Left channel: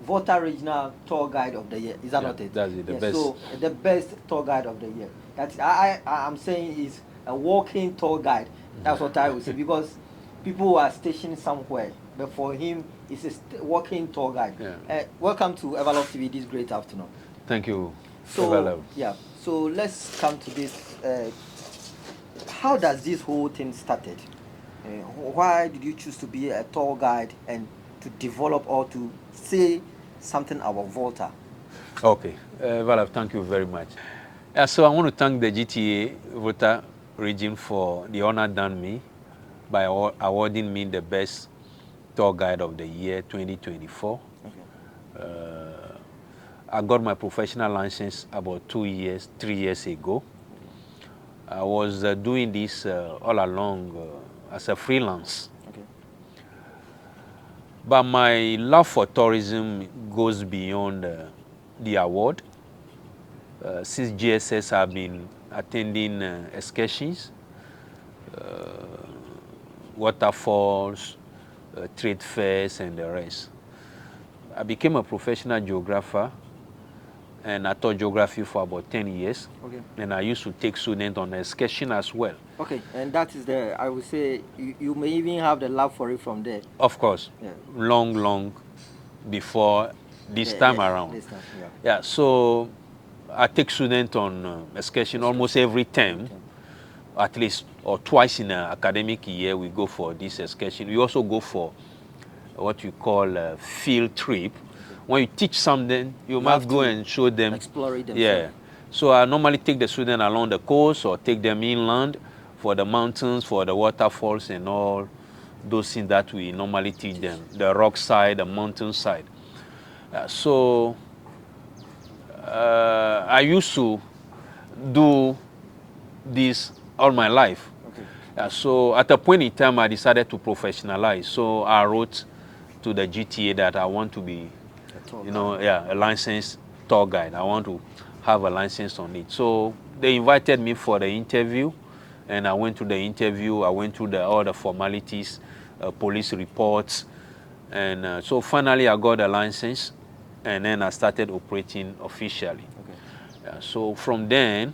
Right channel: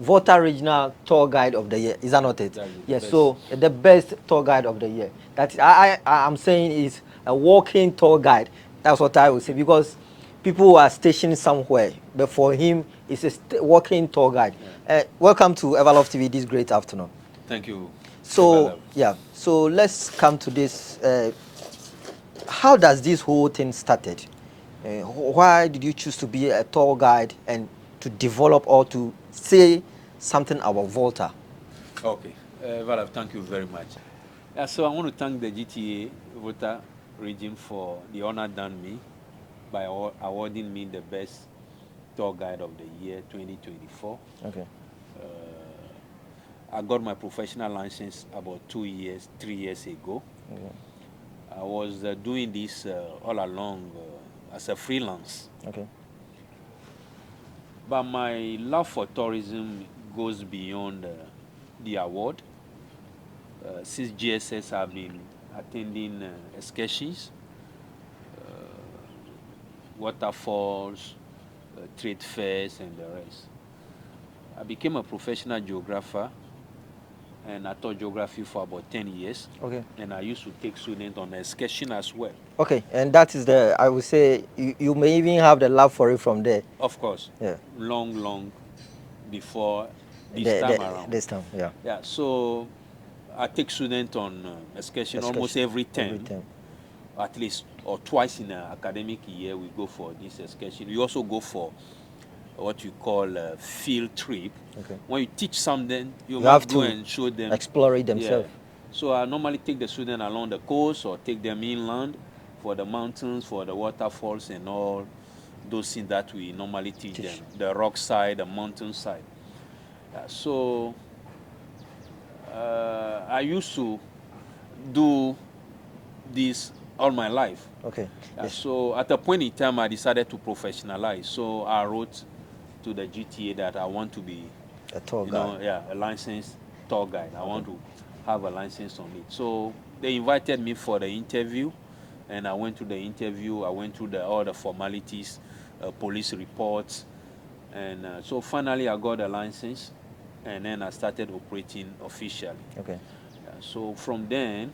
Volta Regional Tour Guide of the Year. Is that not it? That's the Yes. best. So the best tour guide of the year. That I'm saying is a walking tour guide. That's what I would say because people who are stationed somewhere, but for him, it's a walking tour guide. Welcome to Everlove TV this great afternoon. Thank you. So yeah, so let's come to this. How does this whole thing started? Why did you choose to be a tour guide and to develop or to say something about Volta? Okay, Valav, thank you very much. So I want to thank the GTA Volta region for the honor done me by awarding me the best tour guide of the year 2024. Okay. I got my professional license about 3 years ago. I was doing this all along as a freelance. Okay. But my love for tourism goes beyond the award. Since GSS, I've been attending excursions, waterfalls, trade fairs, and the rest. I became a professional geographer, and I taught geography for about 10 years. Okay. And I used to take students on excursion as well. Okay, and that is I would say, you may even have the love for it from there. Of course. Yeah. Long before this time around. This time, yeah. Yeah, so I take students on excursion almost every term. At least or twice in an academic year we go for this excursion. We also go for what you call a field trip. Okay. When you teach something, you must go and show them. Explore it themselves. Yeah. So I normally take the student along the coast or take them inland for the mountains, for the waterfalls and all those things that we normally teach them. The rock side, the mountain side. So I used to do this all my life. Okay. So at a point in time, I decided to professionalize. So I wrote to the GTA that I want to be, a tour guide. a licensed tour guide. I want to have a license on it. So they invited me for the interview, and I went to the interview. I went through all the formalities, police reports, and so finally I got a license, and then I started operating officially. Okay. So from then,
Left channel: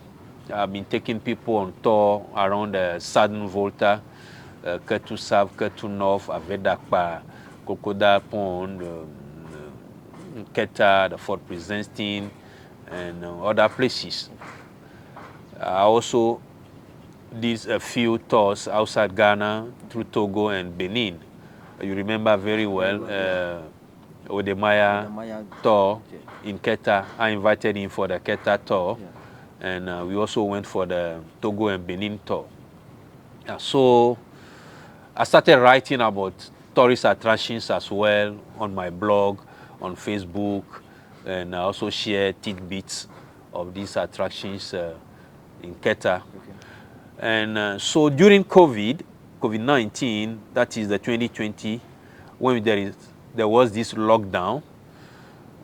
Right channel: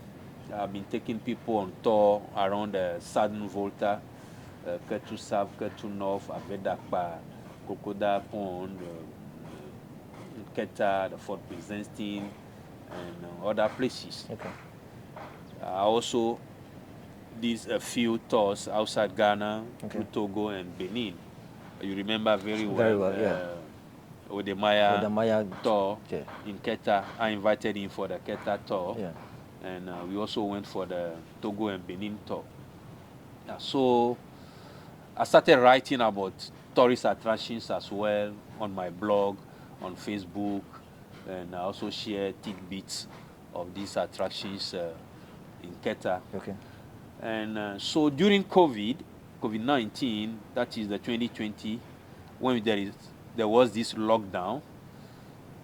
I've been taking people on tour around the southern Volta, Ketu South, Ketu North, Avedakpa, Kokoda Pond, Keta, the Fort Presenting, and other places. Okay. I also did a few tours outside Ghana, through Togo and Benin. You remember very well, Odemaya tour in Keta. I invited him for the Keta tour. Yeah. And we also went for the Togo and Benin tour. So I started writing about tourist attractions as well on my blog, on Facebook, and I also share tidbits of these attractions in Keta. Okay. And so during COVID-19, that is the 2020, when there was this lockdown,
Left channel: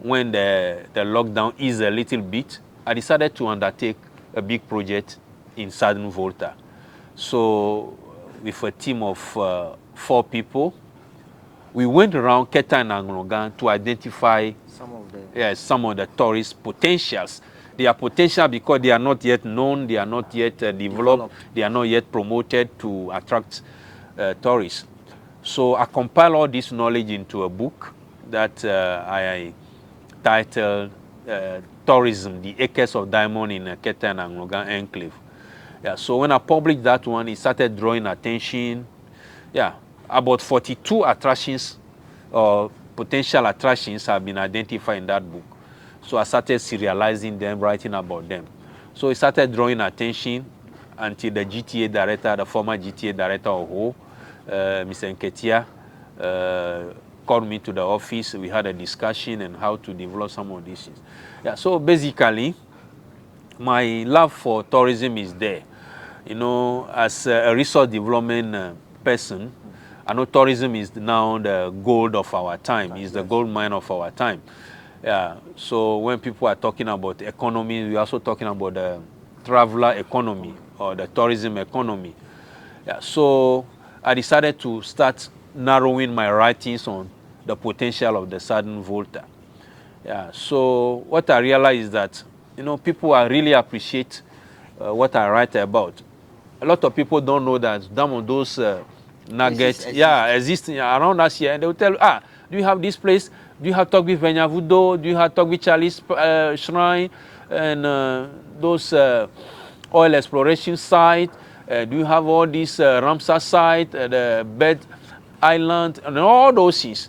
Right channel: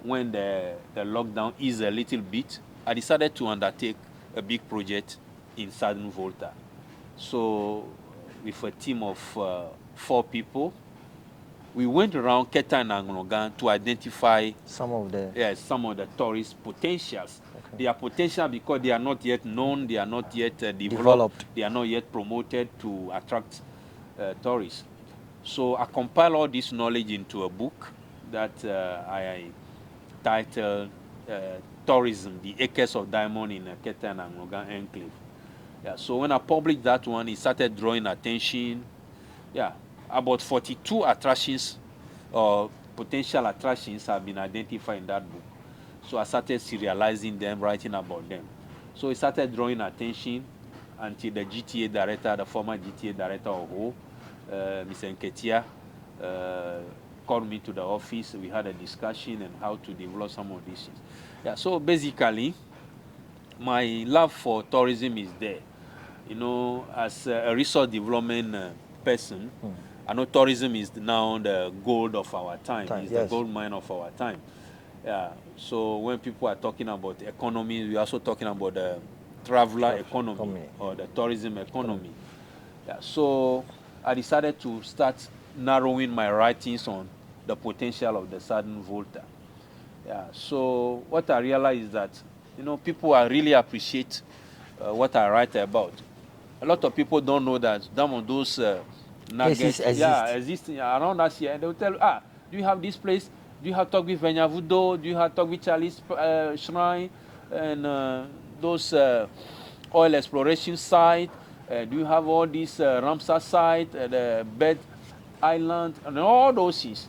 when the lockdown eased a little bit, I decided to undertake a big project in Southern Volta. So with a team of 4 people, we went around Keta and Anglogan to identify some of the tourist potentials. Okay. They are potential because they are not yet known, they are not yet developed, they are not yet promoted to attract tourists. So I compile all this knowledge into a book that I titled Tourism, the Acres of Diamond in Keta and Anglogan Enclave. Yeah, so when I published that one, it started drawing attention. Yeah, about 42 attractions or potential attractions have been identified in that book. So I started serializing them, writing about them. So it started drawing attention until the GTA director, the former GTA director of Ho, Mr. Nketia, called me to the office. We had a discussion on how to develop some of these things. Yeah, so basically, my love for tourism is there. You know, as a resource development person, I know tourism is now the gold of our time. It's the gold mine of our time. Yeah. So when people are talking about economy, we're also talking about the traveler economy or the tourism economy. Yeah. So I decided to start narrowing my writings on the potential of the Southern Volta. Yeah, so what I realized is that, people are really appreciate what I write about. A lot of people don't know that some of those nuggets, exist around us here, and they will tell you, do you have this place? Do you have talk with Venyavudo? Do you have talk with Charlie's Shrine? And those oil exploration site? Do you have all these Ramsar site, the Bed Island, and all those things?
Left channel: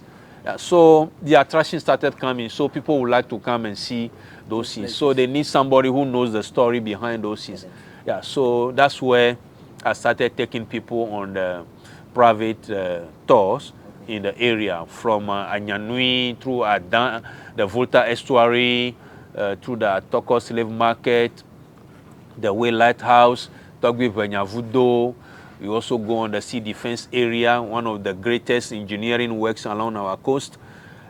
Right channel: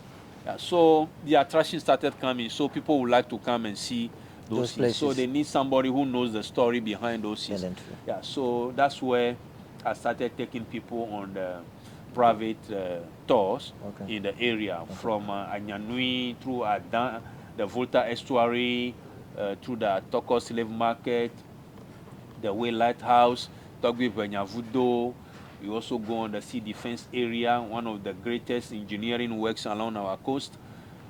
So the attraction started coming, so people would like to come and see those things. So they need somebody who knows the story behind those things. Yeah, so that's where I started taking people on the private tours in the area, from Anyanui through the Volta Estuary, through the Toko Slave Market, the Way Lighthouse, Togbi Venyavudo. We also go on the sea defense area, one of the greatest engineering works along our coast,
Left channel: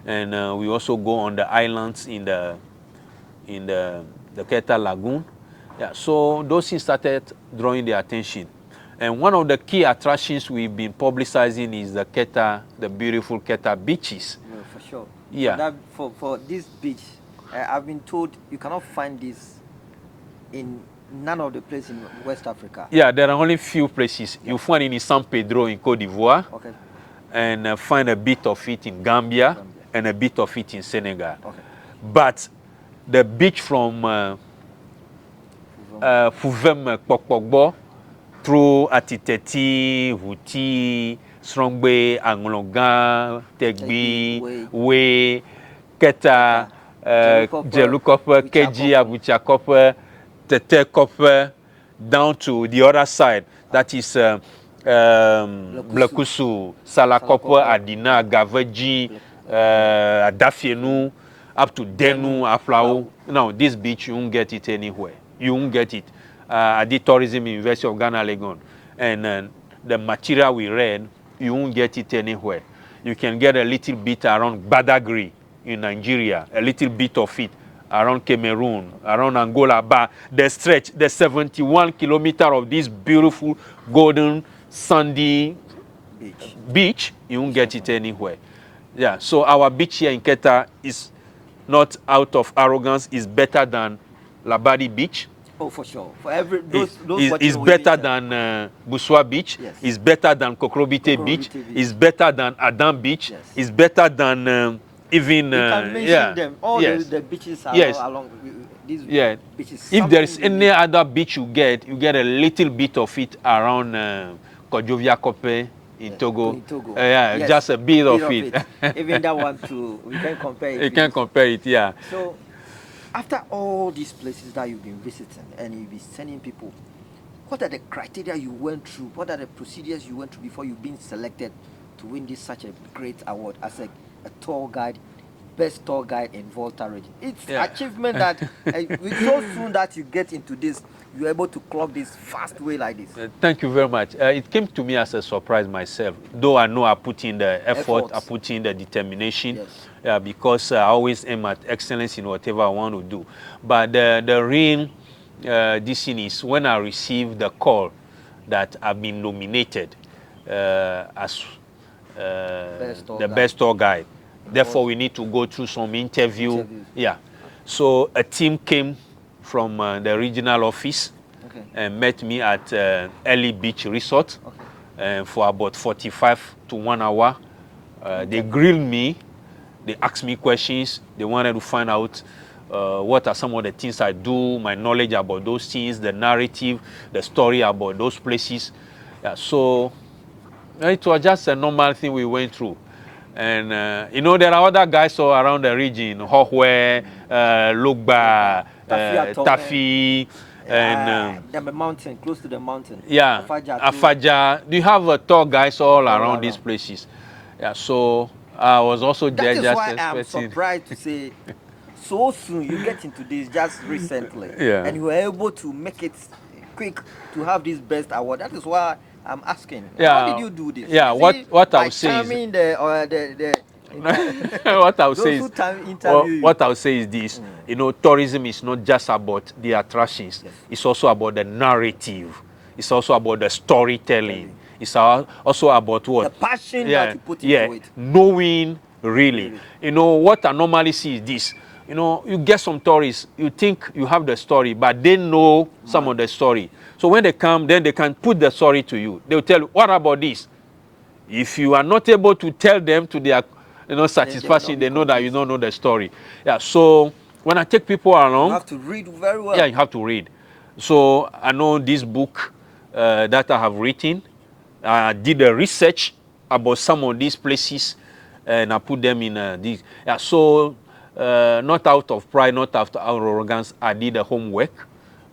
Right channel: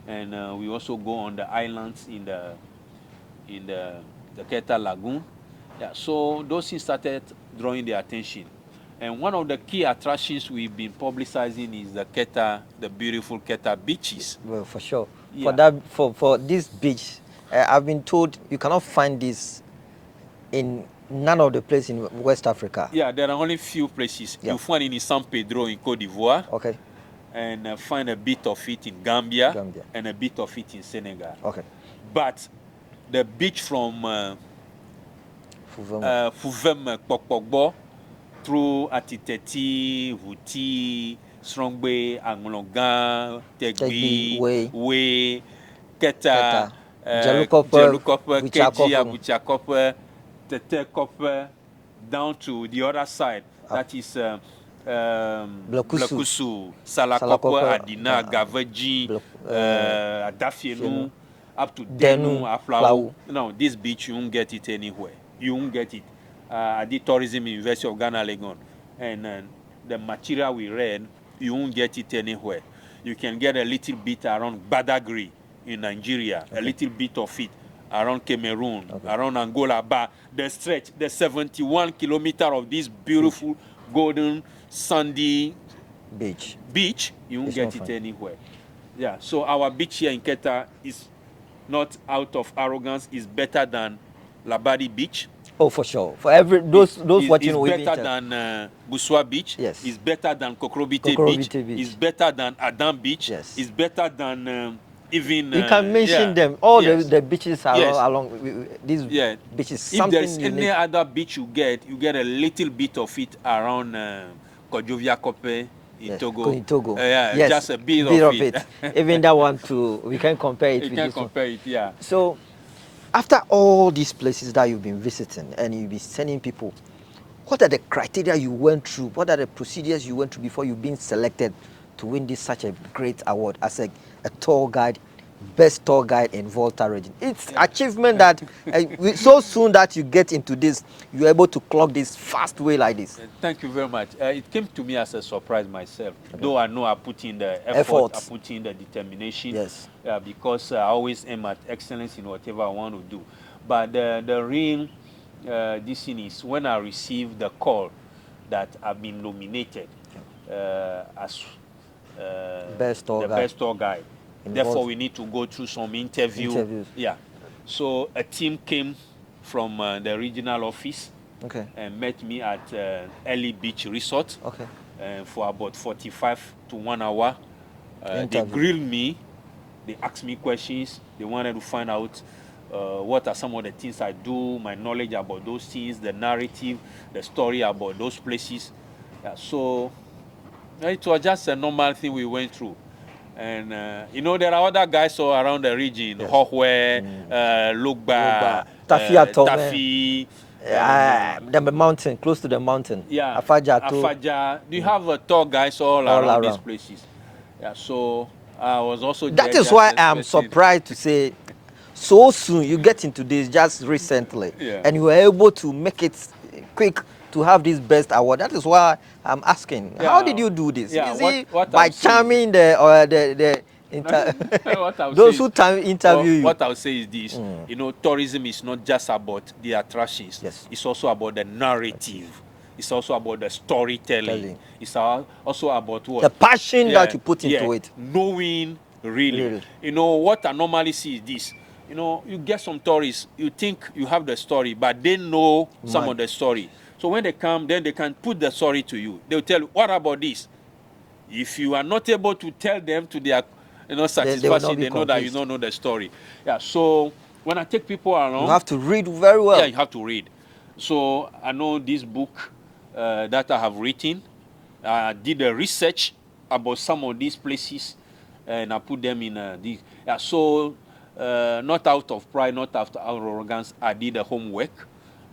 and we also go on the islands in the Keta Lagoon. Yeah, so those things started drawing their attention. And one of the key attractions we've been publicizing is the Keta, the beautiful Keta beaches. Well, for sure. Yeah. For this beach, I've been told you cannot find this in none of the places in West Africa. Yeah, there are only few places. You find it in San Pedro in Cote d'Ivoire. Okay. And find a bit of it in Gambia, and a bit of it in Senegal. Okay. But the beach from Fuvem Pokpogbo through Atiteti, Vuti, Strongbe, Anglongan, Tegbi, Way, Keta, Jelukope, Keji, Abuchakope, Tetekope, down to the other side. That is Blekusu, Salakope, Adina, Gaveji, Adafienu, up to Denu, Aflau. Now, this beach, you won't get it anywhere. You won't get it. I did tourism in University of Ghana, Legon. And the material we read, you won't get it anywhere. You can get a little bit around Badagry in Nigeria, a little bit of it around Cameroon, around Angola. But the stretch, the 71 kilometer of this beautiful golden sandy beach, you won't get it anywhere. Yeah, so our beach here in Keta is not out of arrogance, is better than Labadi Beach. Oh, for sure. For every those is better than Buswa Beach. Yes. Is better than Kokrobite Beach. Is better than Adam Beach. Yes. Is better than even. You can mention them. All the beaches are all along these beaches. If there is any other beach you get a little bit of it around Kojovia Kope in Togo. In Togo. Just a bit of it. Even that one too. We can compare it. You can compare it, yeah. So, after all these places that you've been visiting and you've been sending people, what are the criteria you went through? What are the procedures you went through before you've been selected to win this such a great award as a tour guide, best tour guide in Volta region? It's achievement that so soon that you get into this, you're able to clock this fast way like this. Thank you very much. It came to me as a surprise myself, though I know I put in the effort, I put in the determination. Yes. Because I always aim at excellence in whatever I want to do. But the real this thing is when I received the call that I've been nominated as the best tour guide. Therefore, we need to go through some interviews. Yeah. So a team came from the regional office and met me at Early Beach Resort for about 45 to 1 hour. They grilled me. They asked me questions. They wanted to find out what are some of the things I do, my knowledge about those things, the narrative, the story about those places. So it was just a normal thing we went through. And, there are other guys all around the region, Hohwe, Lugba, Tafi, and the mountain, close to the mountain. Yeah, Afaja. Do you have tour guys all around these places? Yeah, so I was also that is why I'm surprised to say so soon you get into this just recently, and you were able to make it quick to have this best award. That is why I'm asking. How did you do this? Yeah, what by charming the what I would those who interview you. What I would say is this: tourism is not just about the attractions. It's also about the narrative. It's also about the storytelling. It's also about what? The passion that you put into it. Knowing Really. You know, what I normally see is this. You know, you get some tourists, you think you have the story, but they know some of the story. So when they come, then they can put the story to you. They'll tell you, what about this? If you are not able to tell them to their, satisfaction, they know that you don't know the story. Yeah, so when I take people along... You have to read very well. Yeah, you have to read. So I know this book that I have written. I did a research about some of these places, and I put them in these. Yeah, so not out of pride, not out of arrogance, I did the homework.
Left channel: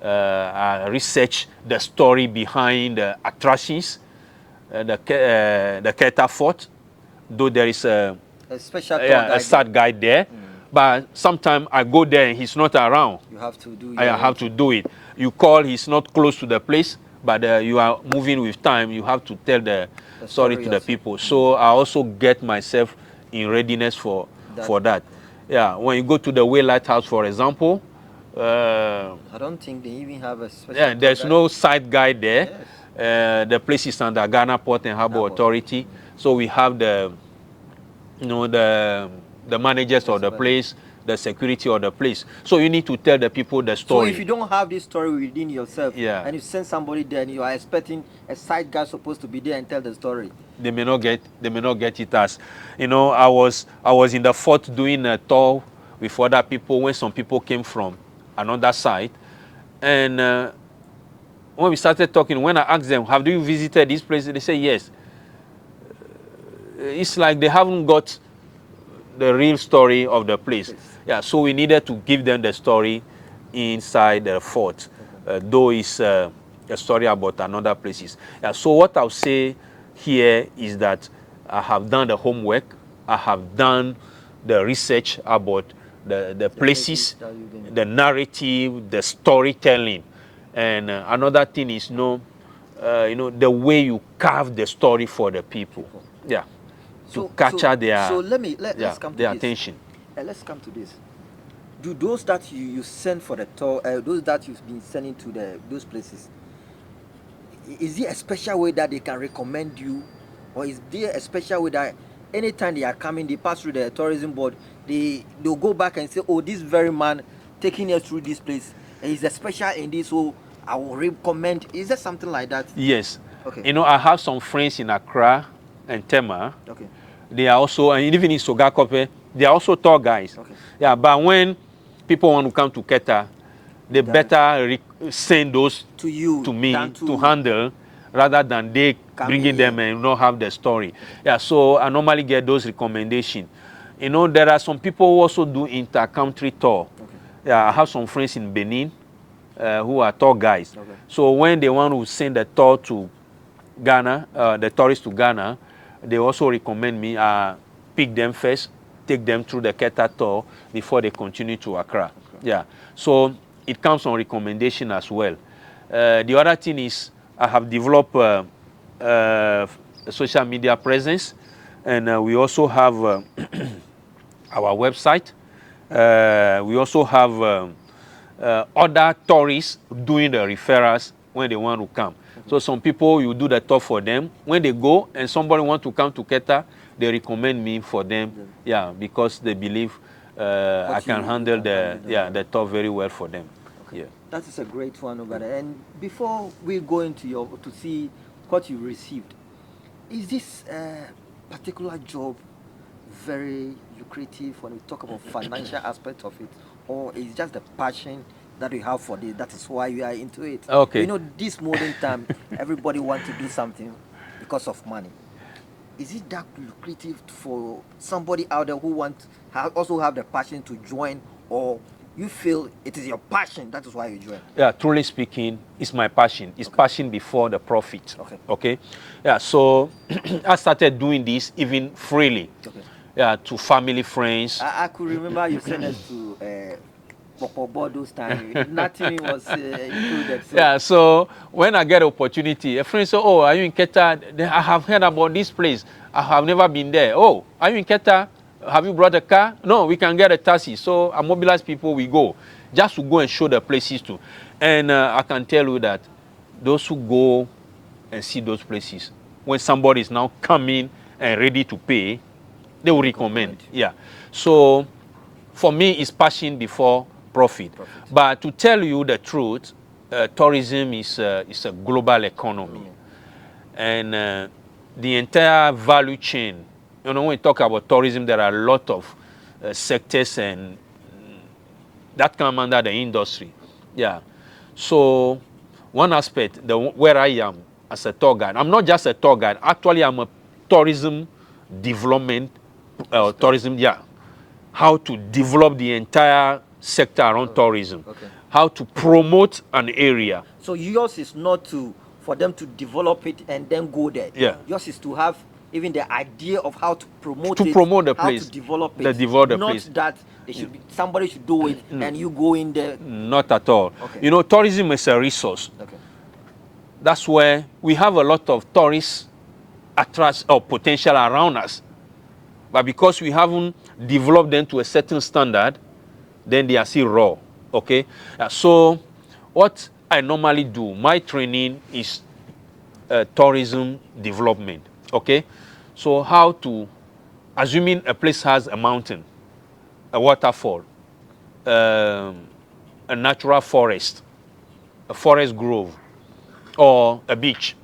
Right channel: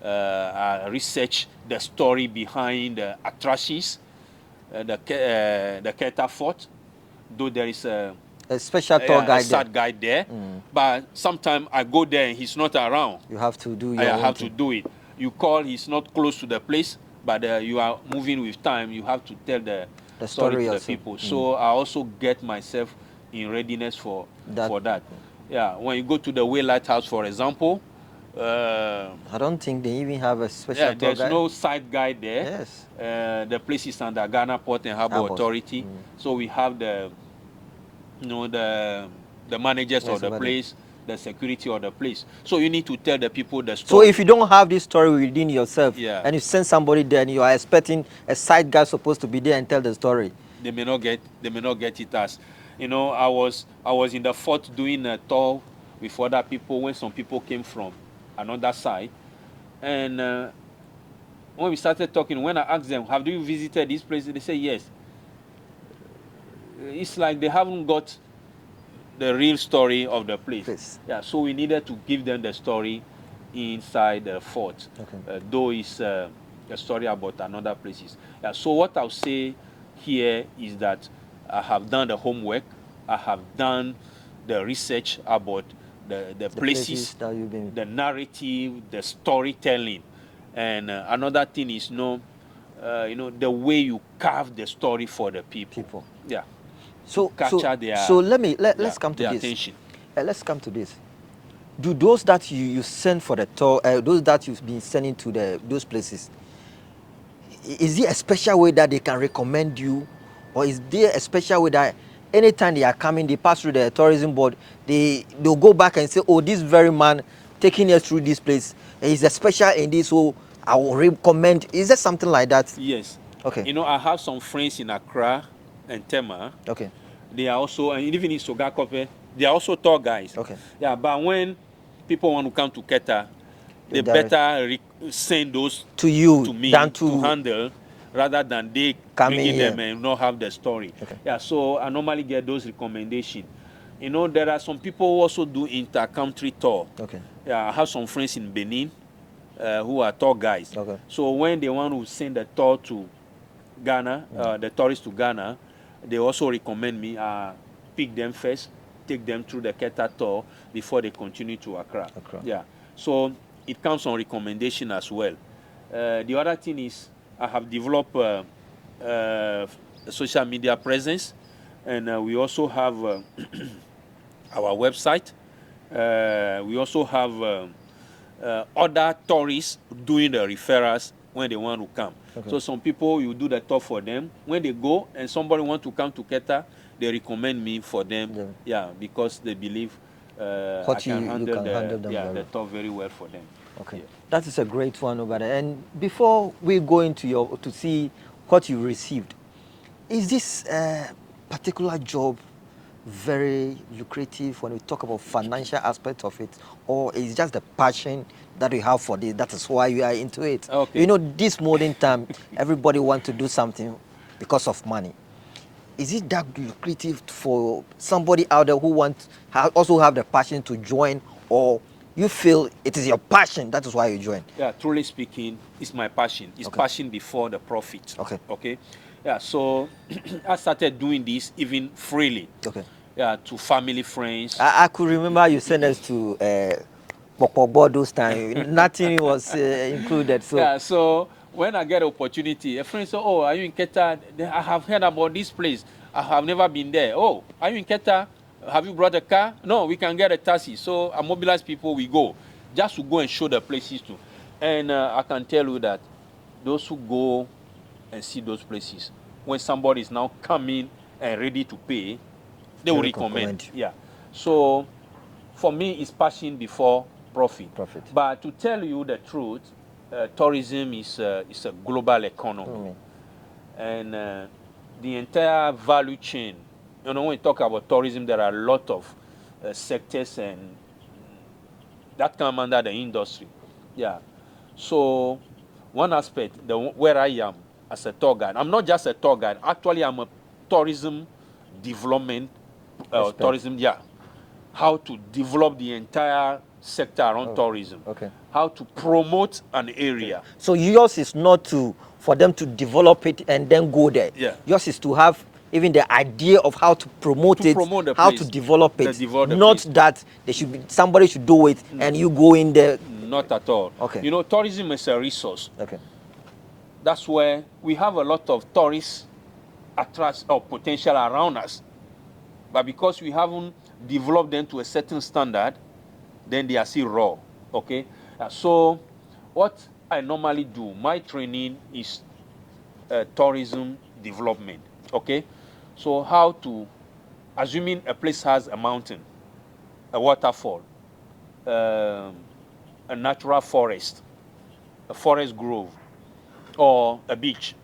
I researched the story behind the attractions, the Keta Fort, though there is a special tour guide, a sad guide there. But sometimes I go there and he's not around. You have to do I have to do it. You call, he's not close to the place, but you are moving with time. You have to tell the story to the people. So I also get myself in readiness for that. Yeah, when you go to the Way Lighthouse, for example, I don't think they even have a special tour there's guide. no side guide there. Yes. The place is under Ghana Port and Harbour Authority. So we have the managers of the place, the security of the place. So you need to tell the people the story. So if you don't have this story within yourself, yeah, and you send somebody there and you are expecting a side guy supposed to be there and tell the story, they may not get it as. You know, I was in the fort doing a tour with other people when some people came from another side. And when we started talking, when I asked them, have you visited this place? They say yes. It's like they haven't got the real story of the place. Yes. Yeah, so we needed to give them the story inside the fort, though it's a story about another places. Yeah, so what I'll say here is that I have done the homework. I have done the research about the places, the narrative, the storytelling. And another thing is, the way you carve the story for the people. Yeah. So capture their let's come to their this. attention. Let's come to this. Do those that you send for the tour, those that you've been sending to those places, is there a special way that they can recommend you, or is there a special way that anytime they are coming, they pass through the tourism board, they'll go back and say, oh, this very man taking us through this place is a special in this, so I will recommend. Is there something like that? Yes. Okay. You know, I have some friends in Accra and Tema. Okay. They are also, and even in Sogakope, they are also tour guys. Okay. Yeah, but when people want to come to Keta, they better send those to you, to me, to handle, rather than they bringing them and not have the story. Okay. Yeah, so I normally get those recommendations. You know, there are some people who also do inter-country tour. Okay. Yeah, I have some friends in Benin who are tour guys. Okay. So when they want to send a tour to Ghana, the tourists to Ghana, they also recommend me pick them first, take them through the Keta tour before they continue to Accra. Yeah, so it comes on recommendation as well. The other thing is I have developed a social media presence, and we also have our website. We also have other tourists doing the referrals when they want to come. Okay. So some people, you do the tour for them. When they go and somebody want to come to Keta, they recommend me for them. Yeah, because they believe I can handle the tour very well for them. Okay. Yeah. That is a great one over there. And before we go into to see what you received, is this particular job very lucrative when we talk about financial aspect of it, or is it just the passion that you have for this? That is why you are into it. Okay. You know, this modern time, everybody wants to do something because of money. Is it that lucrative for somebody out there who also have the passion to join, or you feel it is your passion, that is why you join? Yeah, truly speaking, it's my passion. It's passion before the profit. Okay. Okay. Yeah, so I started doing this even freely. Okay. Yeah, to family, friends. I could remember you sent us to those times. Nothing was included. So. Yeah, so when I get an opportunity, a friend said, oh, are you in Keta? I have heard about this place. I have never been there. Oh, are you in Keta? Have you brought a car? No, we can get a taxi. So I mobilize people, we go. Just to go and show the places to. And I can tell you that those who go and see those places, when somebody is now coming and ready to pay, They will recommend. Yeah. So for me, it's passion before profit. But to tell you the truth, tourism is a global economy. And the entire value chain, when we talk about tourism, there are a lot of sectors and that come under the industry. Yeah. So one aspect, where I am as a tour guide, I'm not just a tour guide. Actually, I'm a tourism development, tourism, yeah. How to develop the entire sector around tourism. How to promote an area. So yours is not for them to develop it and then go there. Yeah. Yours is to have even the idea of how to promote it, promote the how place, to develop it. the Not place. that somebody should do it and you go in there. Not at all. Okay. Tourism is a resource. Okay. That's where we have a lot of tourists attract or potential around us. But because we haven't developed them to a certain standard, then they are still raw. Okay? So what I normally do, my training is tourism development. Okay? So how to, assuming a place has a mountain, a waterfall, a natural forest, a forest grove, or a beach.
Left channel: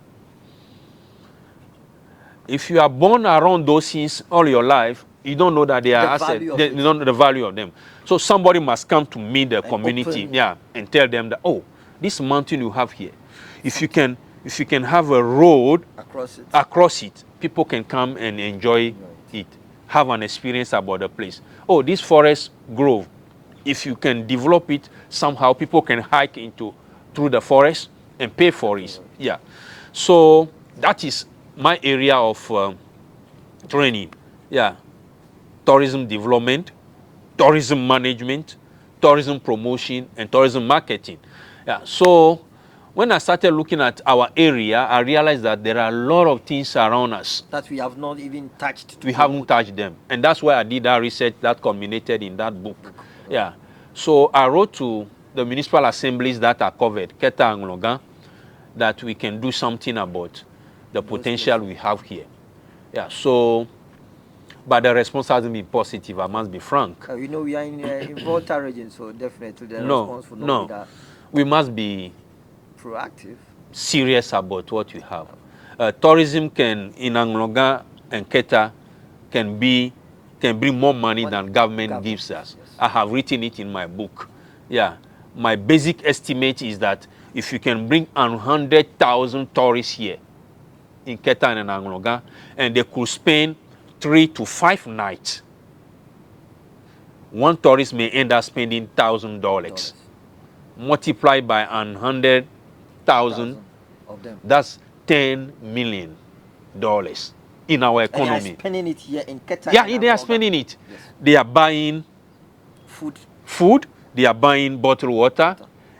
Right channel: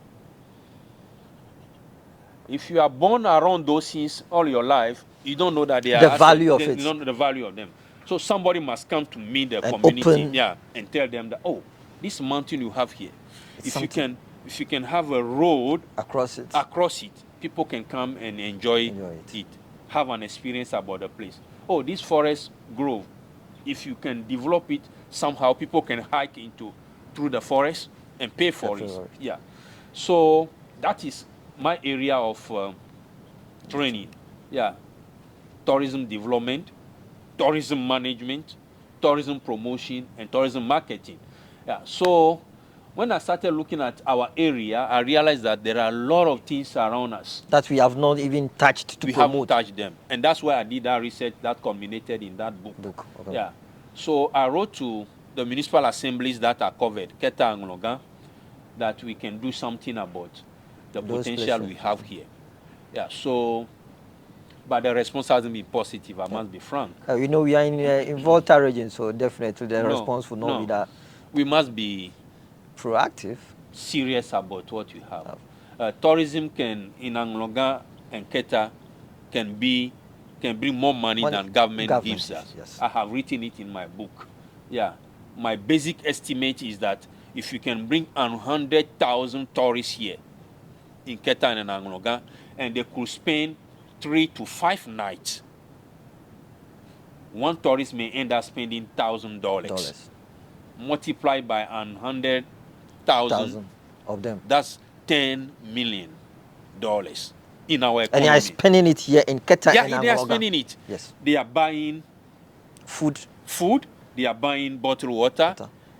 If you are born around those things all your life, you don't know that they are The value of it. You don't know the value of them. So somebody must come to meet the community, and tell them that, oh, this mountain you have here, if you can have a road across it, people can come and enjoy it, have an experience about the place. Oh, this forest grove, if you can develop it somehow, people can hike through the forest and pay for it. Yeah. So that is my area of training. Yeah. Tourism development, tourism management, tourism promotion, and tourism marketing. Yeah. So when I started looking at our area, I realized that there are a lot of things around us that we have not even touched. We haven't touched them. And that's why I did that research that culminated in that book. Okay. Yeah. So I wrote to the municipal assemblies that are covered, Keta and Longa, that we can do something about the potential we have here. Yeah. So, but the response hasn't been positive, I must be frank. We know we are in Volta region, so definitely the response will not be that. We must be proactive, serious about what we have. Tourism in Anglonga and Keta can bring more money than government gives us. Yes. I have written it in my book. Yeah. My basic estimate is that if you can bring 100,000 tourists here in Keta and Anglonga, and they could spend 3 to 5 nights, one tourist may end up spending $1,000. Multiplied by 100,000 of them. That's $10 million in our economy. And they are spending it here in Keta. Yeah, they are spending it. Yes. They are buying food. They are buying bottled water.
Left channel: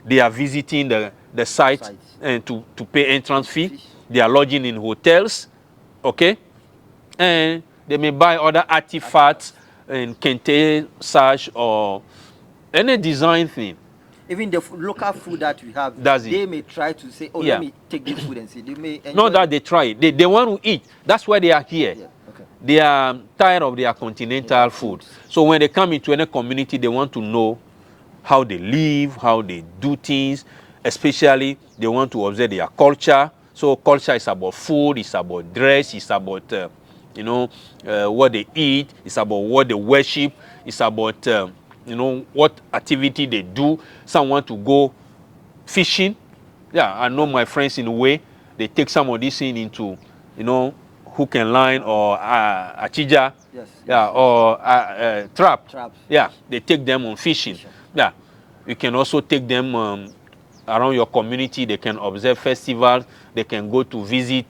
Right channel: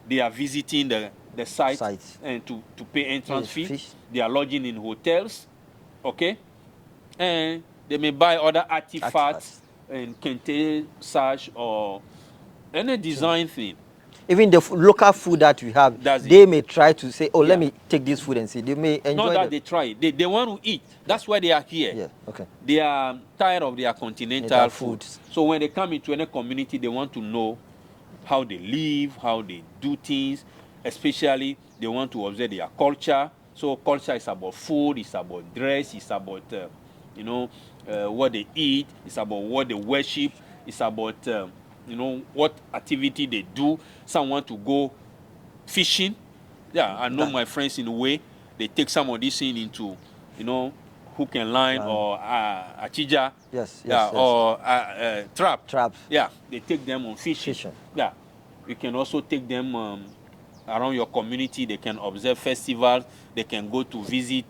They are visiting the site and to pay entrance fee. They are lodging in hotels. Okay? And they may buy other artifacts in kente, sash, or any design thing. Even the local food that we have, they may try to say, oh, let me take this food and see. They may enjoy Not that they try it. They want to eat. That's why they are here. Yeah. Okay. They are tired of their continental food. So when they come into any community, they want to know how they live, how they do things. Especially, they want to observe their culture. So culture is about food, it's about dress, it's about, what they eat, it's about what they worship, it's about, what activity they do. Some want to go fishing. Yeah, I know my friends in a way, they take some of this thing into, hook and line or achija. Or traps. Yeah, they take them on fishing. Yeah, you can also take them around your community. They can observe festivals. They can go to visit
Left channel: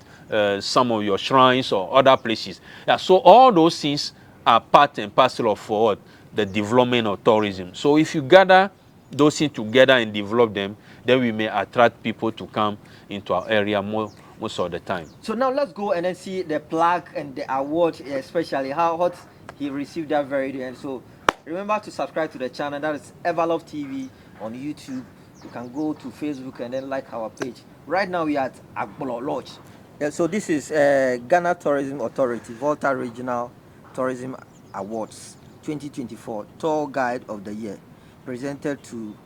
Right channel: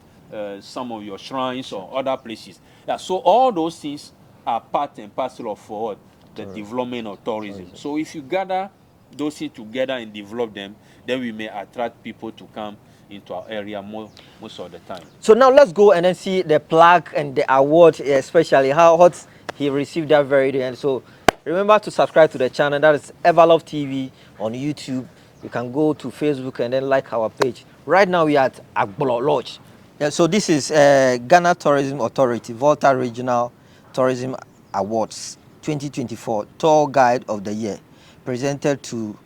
some of your shrines or other places. Yeah, so all those things are part and parcel of the development of tourism. So if you gather those things together and develop them, then we may attract people to come into our area most of the time. So now let's go and then see the plaque and the award, especially how hot he received that very day. And so remember to subscribe to the channel. That is Everlove TV on YouTube. You can go to Facebook and then like our page. Right now we are at Agbolo Lodge. Yeah, so this is Ghana Tourism Authority, Volta Regional Tourism Awards 2024 Tour Guide of the Year, presented to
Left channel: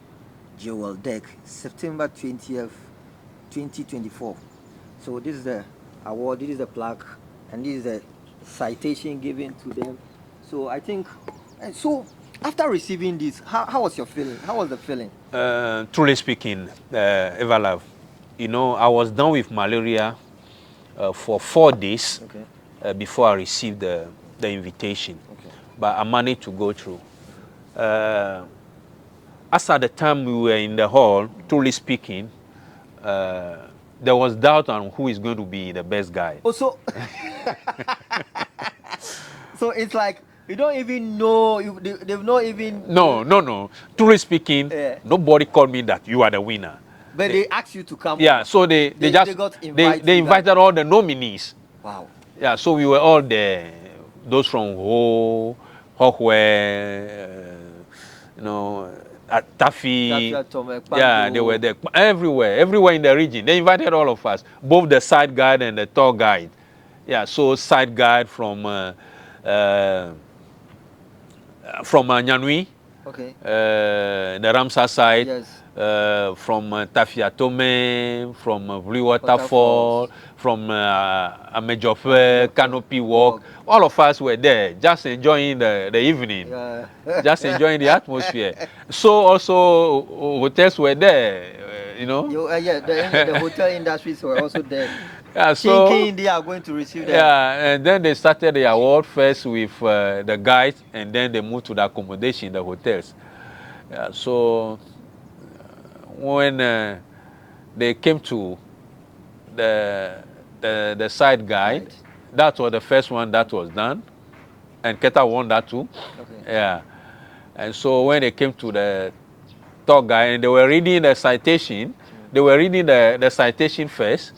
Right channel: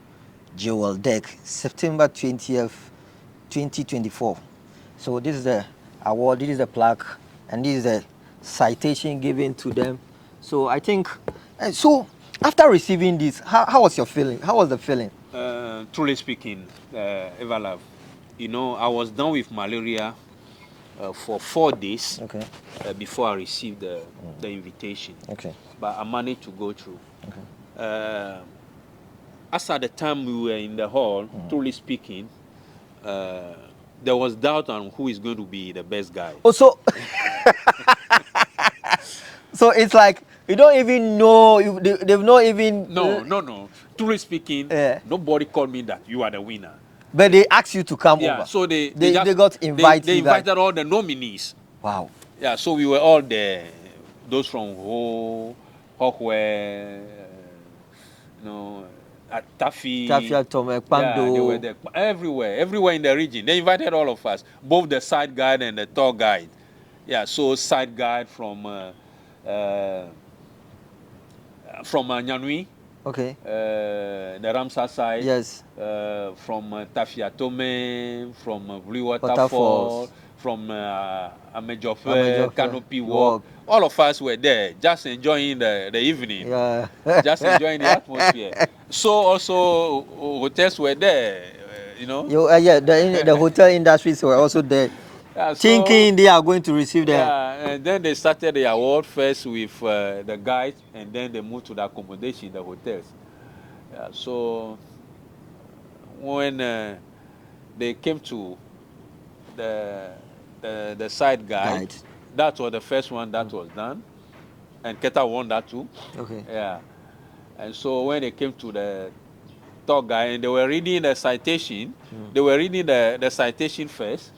Joel Degue, September 20th, 2024. So this is the award, this is the plaque, and this is the citation given to them. So I think, so after receiving this, how was your feeling? How was the feeling? Truly speaking, Everlove, you know, I was down with malaria for 4 days before I received the invitation. Okay. But I managed to go through. As at the time we were in the hall, truly speaking, there was doubt on who is going to be the best guy. Oh, so so it's like you don't even know. They've not even. No. Truly speaking, nobody called me that you are the winner. But they asked you to come. Yeah, over. so they got invited. They invited all the nominees. Wow. Yeah, so we were all there. Those from Ho, Hokwe, you know, Tafi. Yeah, they were there. Everywhere in the region. They invited all of us, both the side guide and the tour guide. Yeah, so side guide from Nyanui. Okay. The Ramsar side. Yes. From Tafiatome, from Blue Waterfall, from Amejofe, Canopy Walk. All of us were there, just enjoying the evening, just enjoying the atmosphere. So also hotels were there, you know. The hotel industries were also there. Yeah, thinking they are going to receive them. Yeah, and then they started the award first with the guides, and then they moved to the accommodation, the hotels. Yeah, so when they came to the side guide, that was the first one that was done, and Keta won that too. Okay. Yeah, and so when they came to the tour guide and they were reading the citation, they were reading the citation first.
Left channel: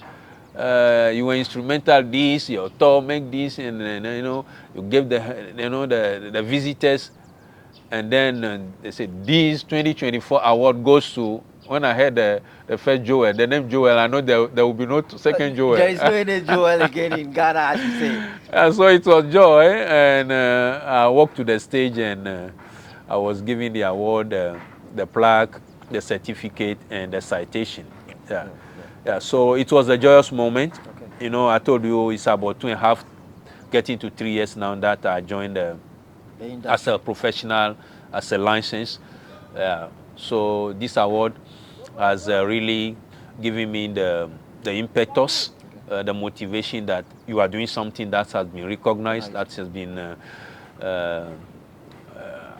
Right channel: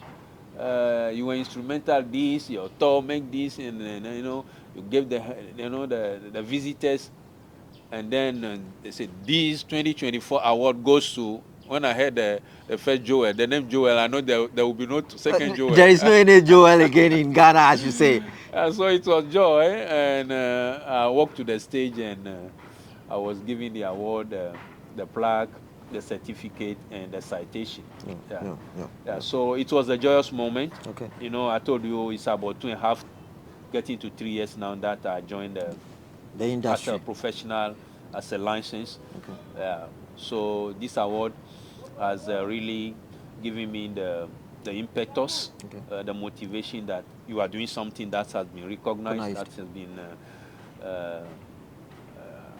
You were instrumental this, your tour make this, and you know you gave the visitors, and then they said this 2024 award goes to. When I heard the first Joel, the name Joel, I know there will be no second Joel. There is no any Joel again in Ghana, as you say. So it was joy, and I walked to the stage, and I was given the award, the plaque, the certificate, and the citation. Yeah. So it was a joyous moment. Okay. You know, I told you it's about 2.5, getting to 3 years now that I joined the industry as a professional, as a license. Okay. So this award has really given me the impetus, the motivation that you are doing something that has been recognized, that has been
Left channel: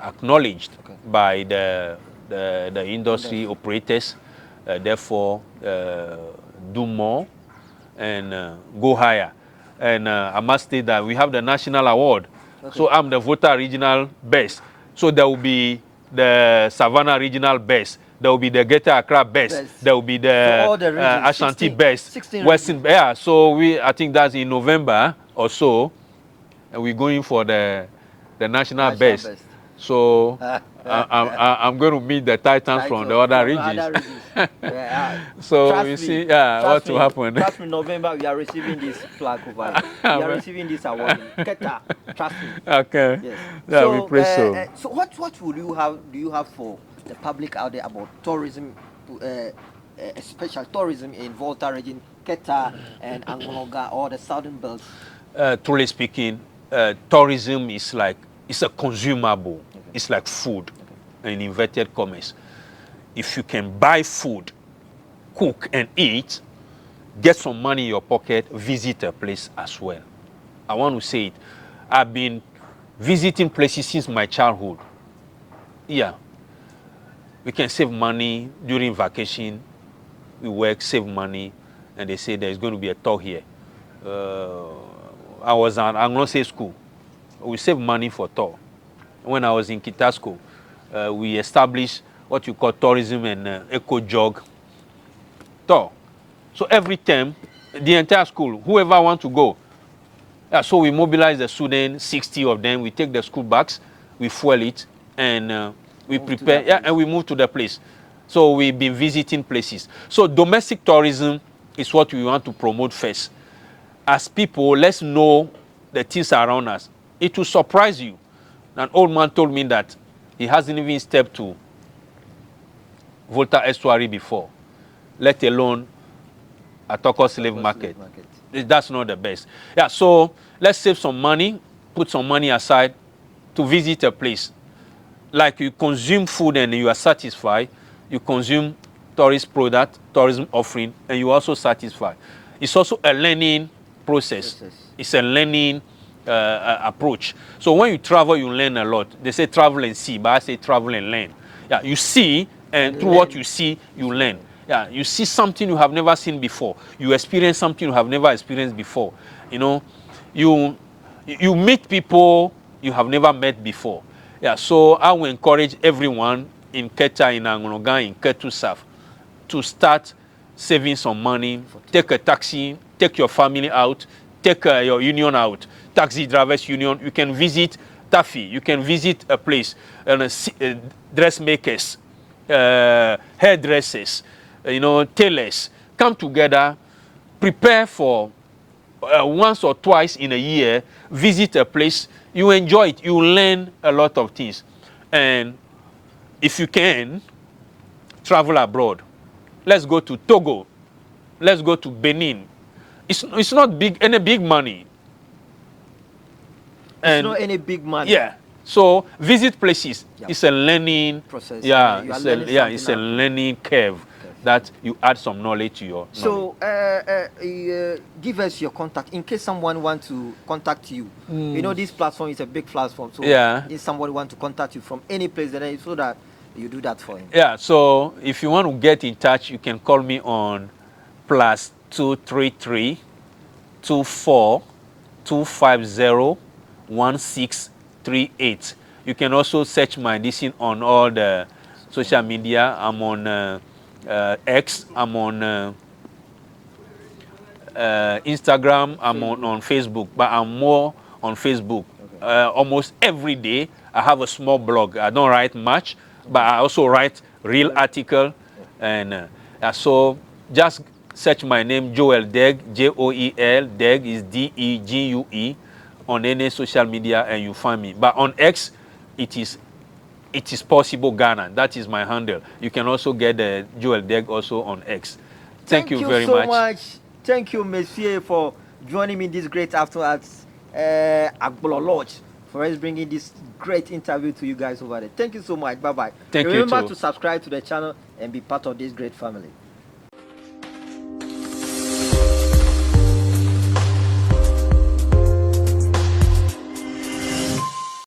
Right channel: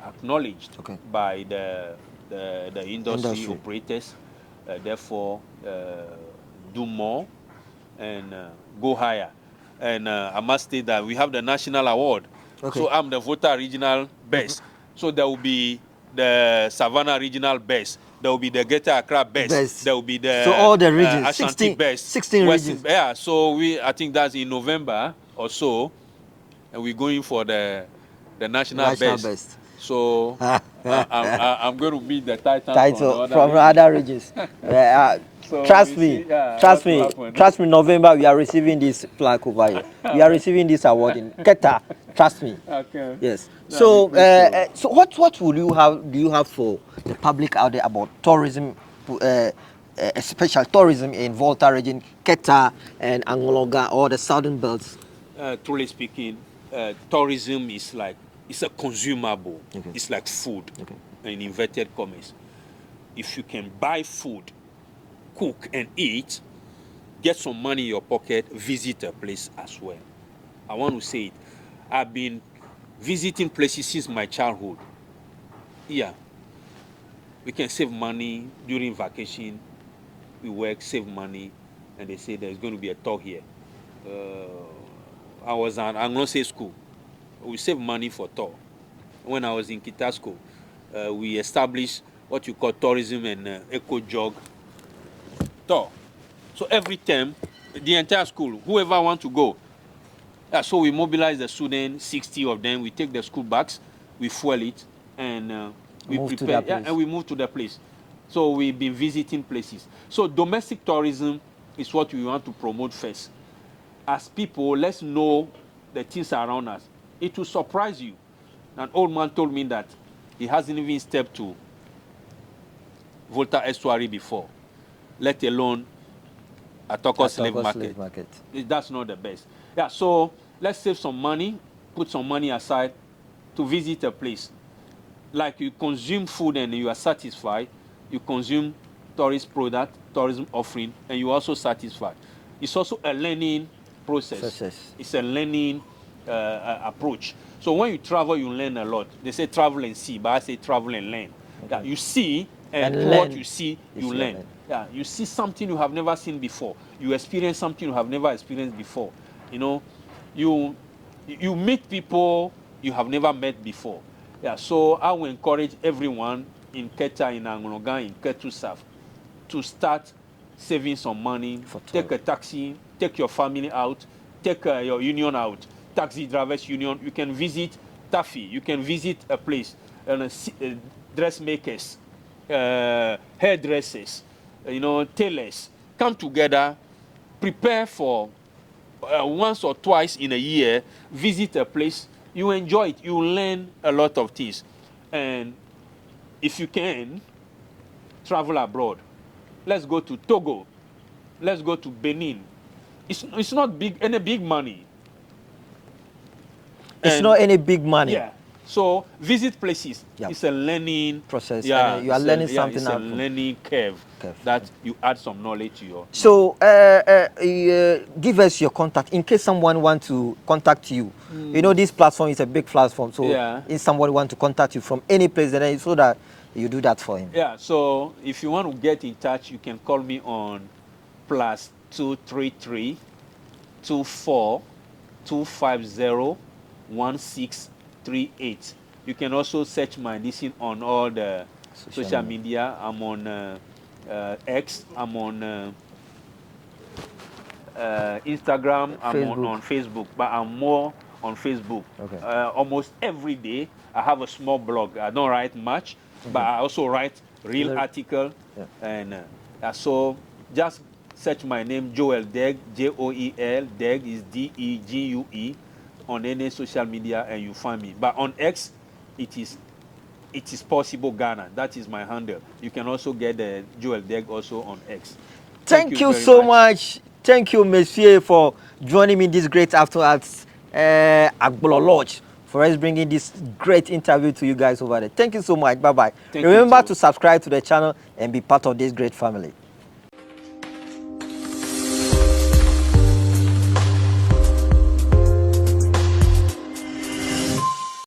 acknowledged by the industry operators. Therefore, do more and go higher. And I must say that we have the national award. Okay. So I'm the Volta Regional Best. So there will be the Savannah Regional Best. There will be the Greater Accra Best. There will be the all the regions, Ashanti Best. 16 Western, regions. yeah, so I think that's in November or so. And we're going for the national best. So I'm going to meet the Titans from the other regions. So trust me, happen. Trust me, November we are receiving this plaque over here. We are receiving this award in Keta. Trust me. Okay. Yes. So what will you have? Do you have for the public out there about tourism, special tourism in Volta region, Keta and Angologa, or the southern belts? Truly speaking, tourism is like. It's a consumable. Okay. It's like food, in inverted commas. If you can buy food, cook and eat, get some money in your pocket, visit a place as well. I want to say it. I've been visiting places since my childhood. Yeah. We can save money during vacation. We work, save money, and they say there's going to be a tour here. I was at Anglo-Say school. We save money for tour. When I was in Kita school, we established what you call tourism and eco-jog tour. So every term, the entire school, whoever wants to go. So we mobilize the students, 60 of them. We take the school bags, we fuel it, and we prepare, and we move to the place. So we've been visiting places. So domestic tourism is what we want to promote first. As people, let's know the things around us. it will surprise you. An old man told me that he hasn't even stepped to Volta Estuary before, let alone Atoko slave market. That's not the best. Yeah, so let's save some money, put some money aside to visit a place. Like you consume food and you are satisfied, you consume tourist product, tourism offering, and you also satisfied. It's also a learning process. It's a learning approach. So when you travel, you learn a lot. They say travel and see, but I say travel and learn. Yeah, you see, and through what you see, you learn. Yeah, you see something you have never seen before. You experience something you have never experienced before. You know, you meet people you have never met before. Yeah, so I will encourage everyone in Keta, in Angonoga, in Ketu South, to start saving some money, take a taxi, take your family out, take your union out, taxi drivers union. You can visit Taffy, you can visit a place, dressmakers, hairdressers, tailors. Come together, prepare for once or twice in a year, visit a place. You enjoy it, you learn a lot of things. And if you can, travel abroad. Let's go to Togo. Let's go to Benin. It's not any big money. It's not any big money. Yeah. So visit places. Yeah. It's a learning process. Yeah, you are learning something. It's a learning curve that you add some knowledge to your. So give us your contact in case someone wants to contact you. You know, this platform is a big platform. So if somebody wants to contact you from any place, then so that you do that for him. Yeah. So if you want to get in touch, you can call me on +233 24 250 1638. You can also search my edition on all the social media. I'm on X, I'm on Instagram, I'm on Facebook, but I'm more on Facebook. Okay. Almost every day I have a small blog. I don't write much, but I also write real article. And so just search my name, Joel Degue, Joel Degue is Degue, on any social media, and you find me. But on X, it is possible Ghana. That is my handle. You can also get Joel Degue also on X. Thank you very so much. Thank you, Monsieur, for joining me this great afternoon at Agbolo Lodge, for us bringing this great interview to you guys over there. Thank you so much. Bye-bye. Remember to subscribe to the channel and be part of this great family.